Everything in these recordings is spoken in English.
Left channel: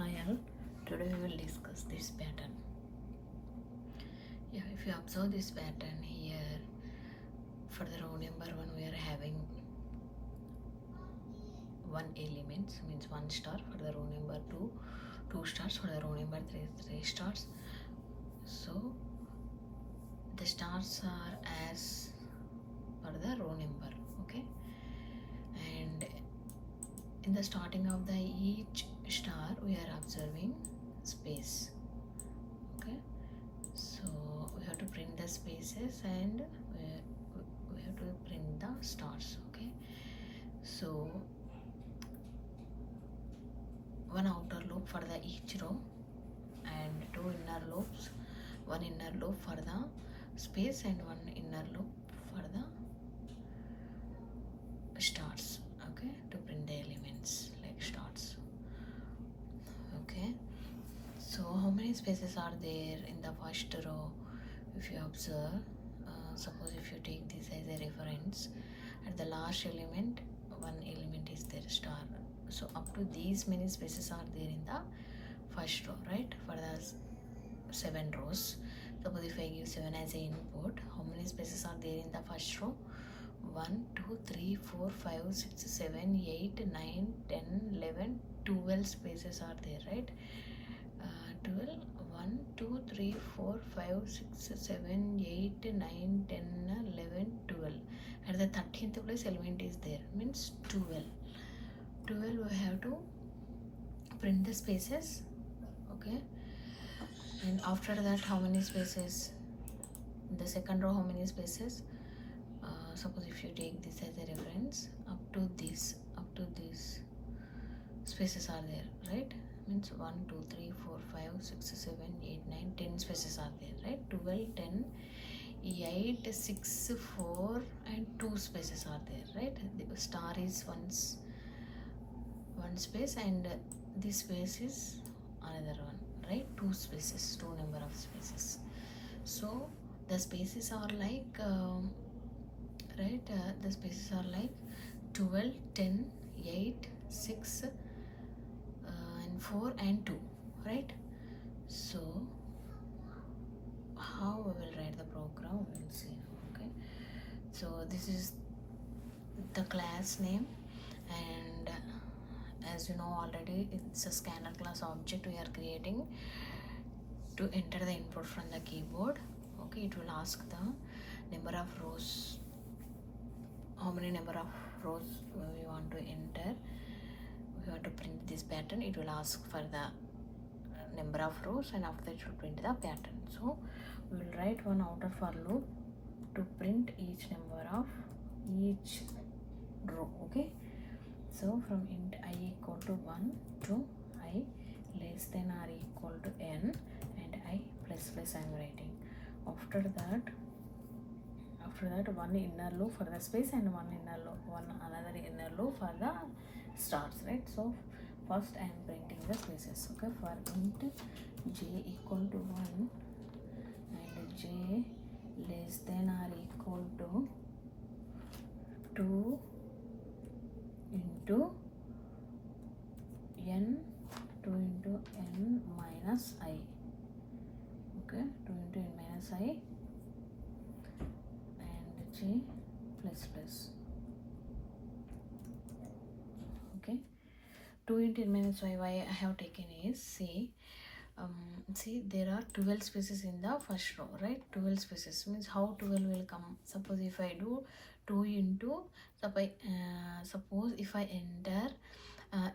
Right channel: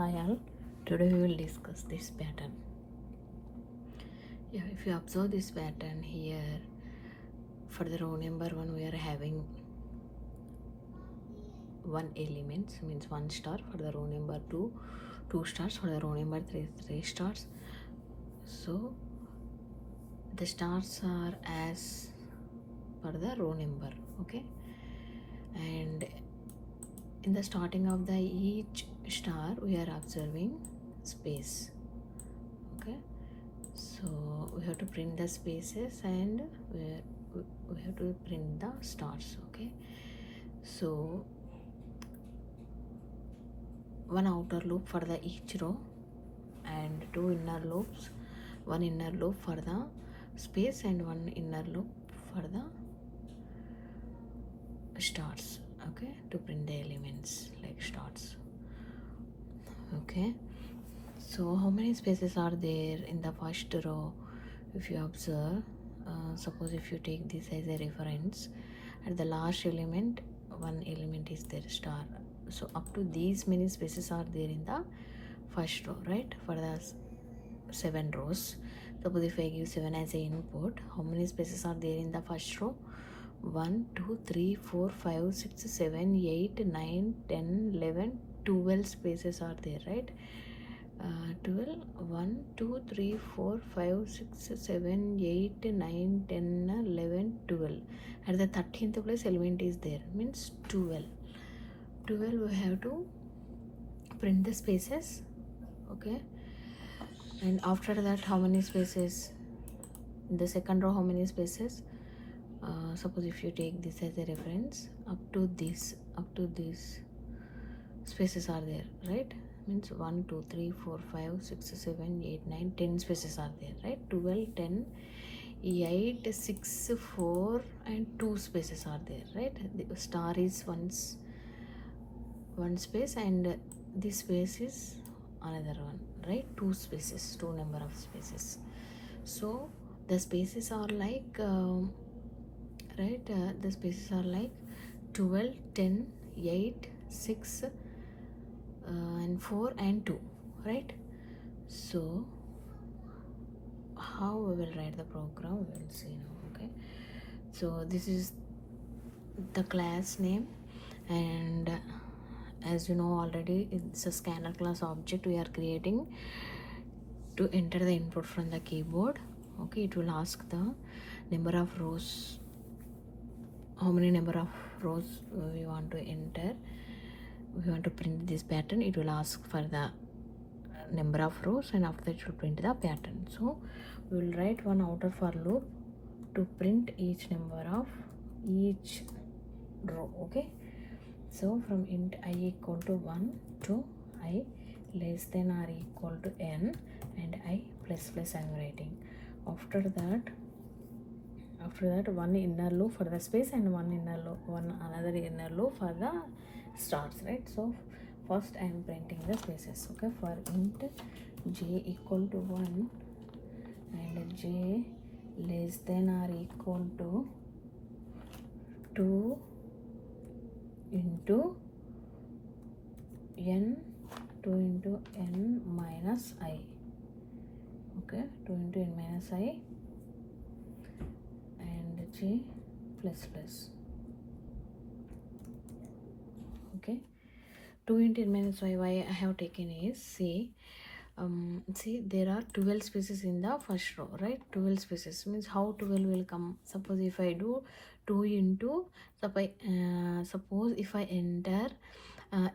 Hi all, today we will discuss this pattern. Yeah, if you observe this pattern here, for the row number 1 we are having one element, means 1 star. For the row number 2, 2 stars. For the row number 3, 3 stars. So the stars are as per the row number, okay. And in the starting of the each star we are observing space, okay. So we have to print the spaces and we have to print the stars, okay. So one outer loop for the each row and two inner loops, one inner loop for the space and one inner loop for the stars, okay, to print the elements like stars, okay. So how many spaces are there in the first row? If you observe, suppose if you take this as a reference, at the last element one element is there, star. So up to these many spaces are there in the first row, right? For the 7 rows, suppose if I give 7 as a input, how many spaces are there in the first row? 1 2 3 4 5 6 7 8 9 10 11 12 spaces are there, right? 12 1 2 3 4 5 6 7 8 9 10 11 12. At the 13th place element is there, means 12. We have to print the spaces, okay. And after that, how many spaces in the second row? How many spaces? Suppose if you take this as a reference, up to this spaces are there, right? Means 1 2 3 4 5 6 7 8 9 10 spaces are there, right? 12 10 8 6 4 and 2 spaces are there, right? The star is one space and this space is another one, right? 2 spaces, 2 number of spaces. So the spaces are like right, the spaces are like 12 10 8 6 and 4 and 2, right? So how we will write the program, we will see now, okay. So this is the class name, and as you know already, it's a scanner class object we are creating to enter the input from the keyboard, okay. It will ask the number of rows, how many number of rows we want to enter. We want to print this pattern, it will ask for the number of rows, and after that it will print the pattern. So we will write one outer for loop to print each number of each row, okay. So from int I equal to 1 to I less than or equal to n and I plus plus I am writing. After that one inner loop for the space and one another inner loop for the stars, right? So first I am printing the spaces, okay. For int j equal to 1 and j less than or equal to 2 into n, 2 into n minus I, okay. 2 into n minus I and j plus plus, okay. 2 into n minus I, why I have taken is, see there are 12 spaces in the first row, right? 12 spaces means how 12 will come. Suppose if I do 2 into, suppose if I enter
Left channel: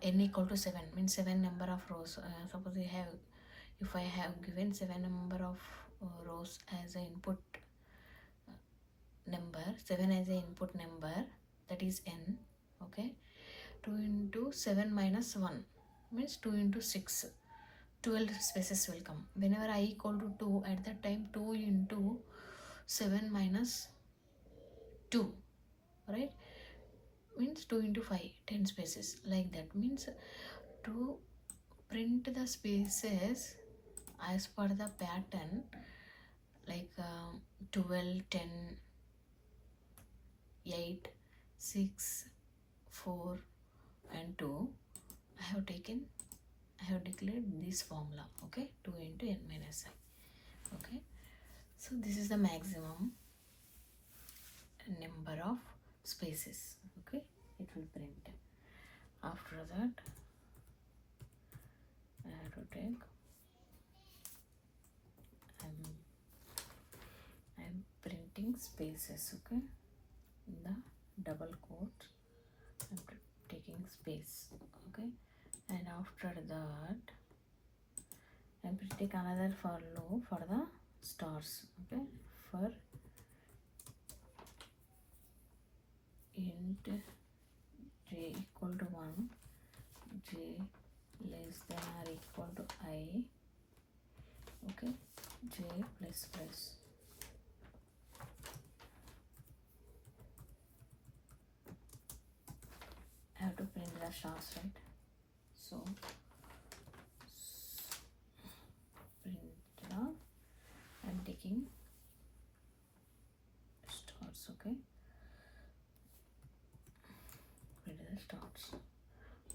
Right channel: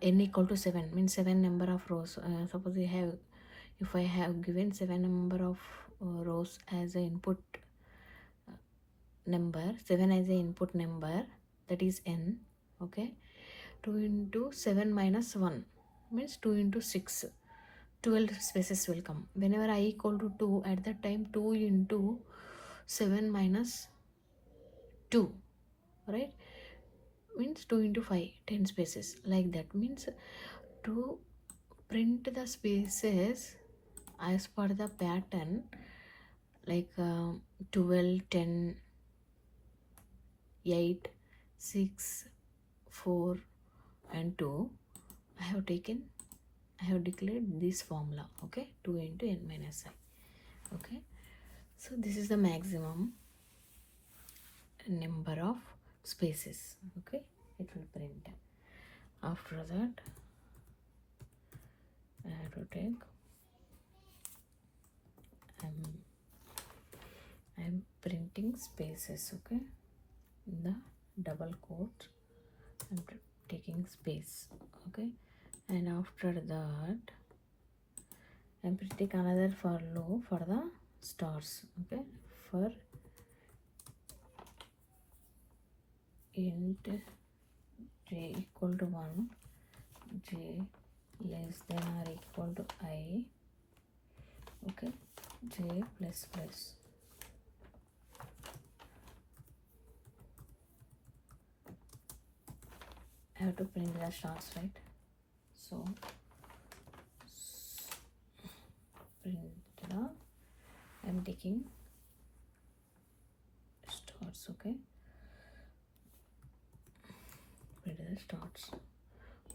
n equal to 7, means 7 number of rows. Suppose if I have given 7 number of rows as an input number, 7 as an input number, that is n, okay. 2 into 7 minus 1 means 2 into 6, 12 spaces will come. Whenever I equal to 2, at that time 2 into 7 minus 2, right, means 2 into 5, 10 spaces, like that. Means to print the spaces as per the pattern, like 12 10 8 6 4 and 2, I have taken I have declared this formula. Okay, 2 into n minus I. Okay, so this is the maximum number of spaces. Okay, it will print. After that I have to take I'm printing spaces. Okay, in the double quote I'm taking space. Okay, and after that I'm printing another for loop for the stars. Okay, for int j equal to 1, j less than or equal to I. Okay, j plus plus. I have to print the stars, right? So print the I'm taking stars. Okay, print the stars.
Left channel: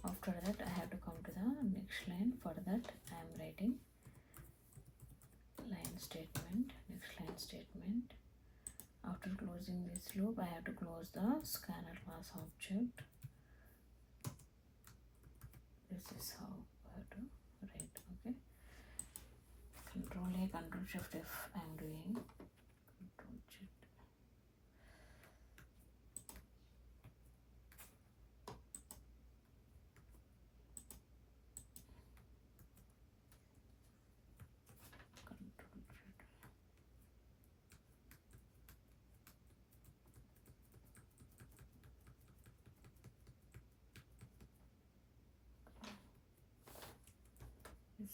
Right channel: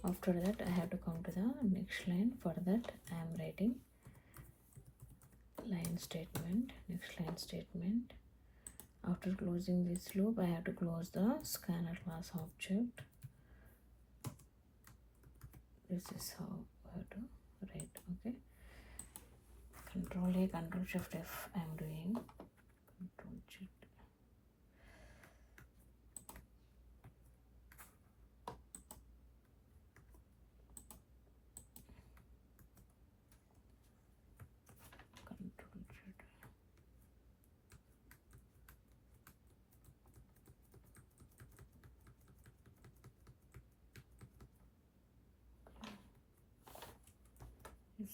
After that I have to come to the next line. For that I am writing line statement, next line statement. After closing this loop I have to close the scanner class object. This is how I have to write. Okay, Control A, Control Shift F I am doing. Control Shift. Control Shift.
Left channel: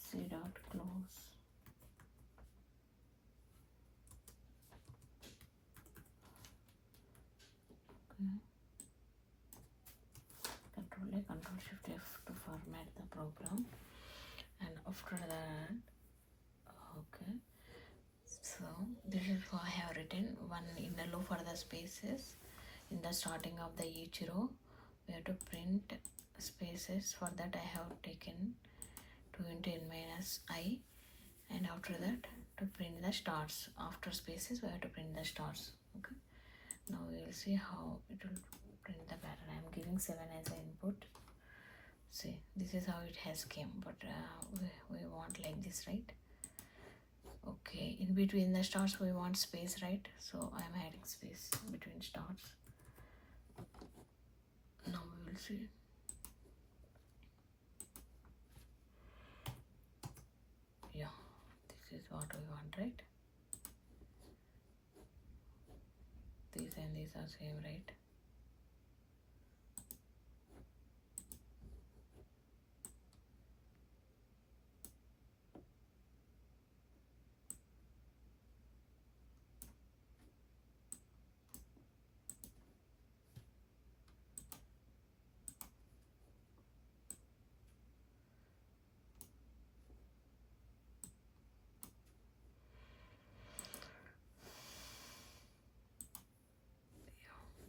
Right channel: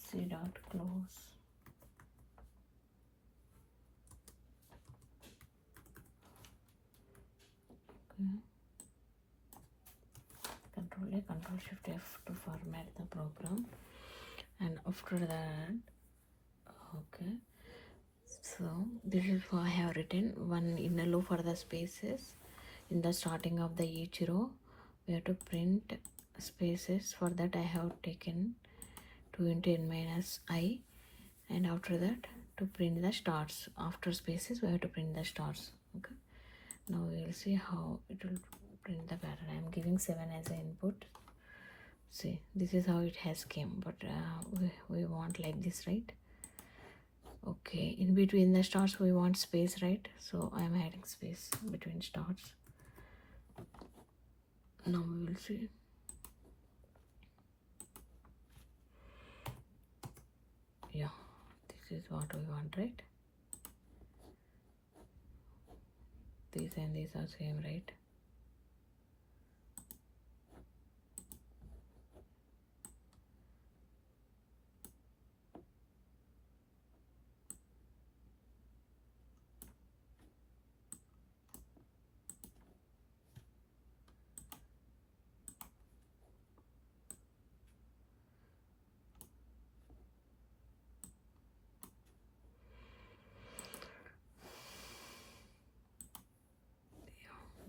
C dot close. Okay. Control A, Control Shift F to format the program. And after that, okay, so this is what I have written. One inner loop for the spaces. In the starting of the each row we have to print spaces. For that I have taken 2 into n minus I, and after that to print the stars. After spaces we have to print the stars. Okay, now we will see how it will print the pattern. I am giving 7 as an input. See, this is how it has came, but we want like this, right? Okay, in between the stars we want space, right? So I am adding space between stars. Now we will see. Yeah, this is what we want, right? These and these are same, right?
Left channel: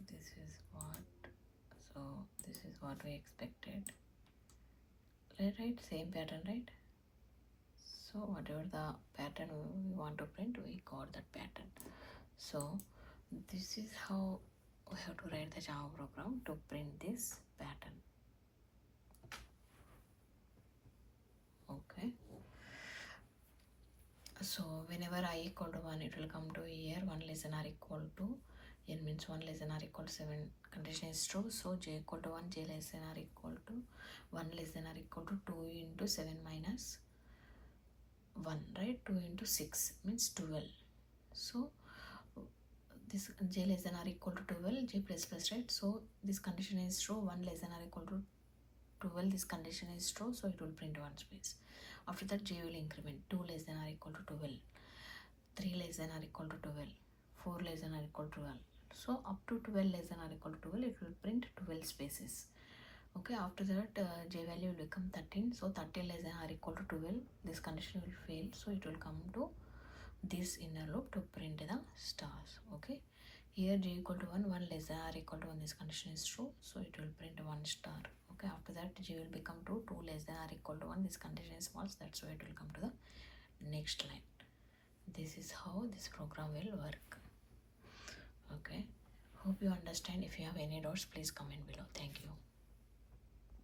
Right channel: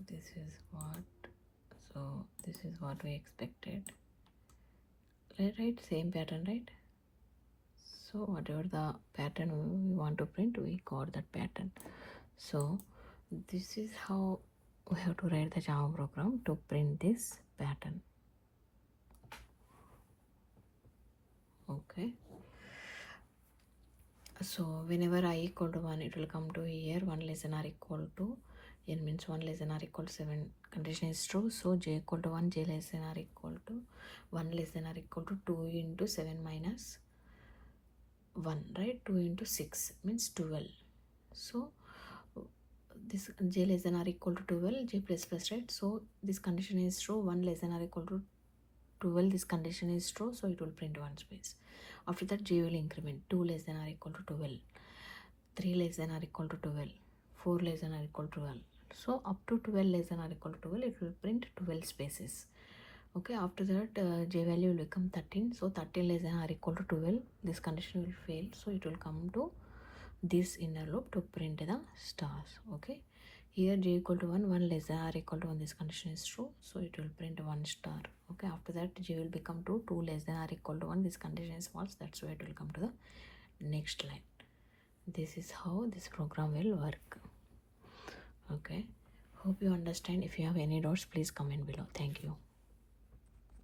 This is what, so this is what we expected. Right, same pattern, right? So whatever the pattern we want to print, we got that pattern. So this is how we have to write the Java program to print this pattern. Okay, so whenever I equal to 1 it will come to here. 1 less than or equal to n means 1 less than or equal to 7 condition is true. So j equal to 1, j less than or equal to 1 less than or equal to 2 into 7 minus 1, right? 2 into 6 means 12. So this j less than or equal to 12, j plus plus, right? So this condition is true. 1 less than or equal to 12, this condition is true, so it will print one space. After that j will increment. 2 less than or equal to 12, 3 less than or equal to 12, 4 less than or equal to 12. So up to 12 less than or equal to 12 it will print 12 spaces. Okay, after that j value will become 13. So 13 less than or equal to 12, this condition will fail, so it will come to this inner loop to print the stars. Okay, Here j equal to 1, 1 less than or equal to 1, this condition is true, so it will print 1 star. Okay, after that j will become 2, 2 less than or equal to 1, this condition is false, that's why it will come to the next line. This is how this program will work. Okay, hope you understand. If you have any doubts, please comment below. Thank you.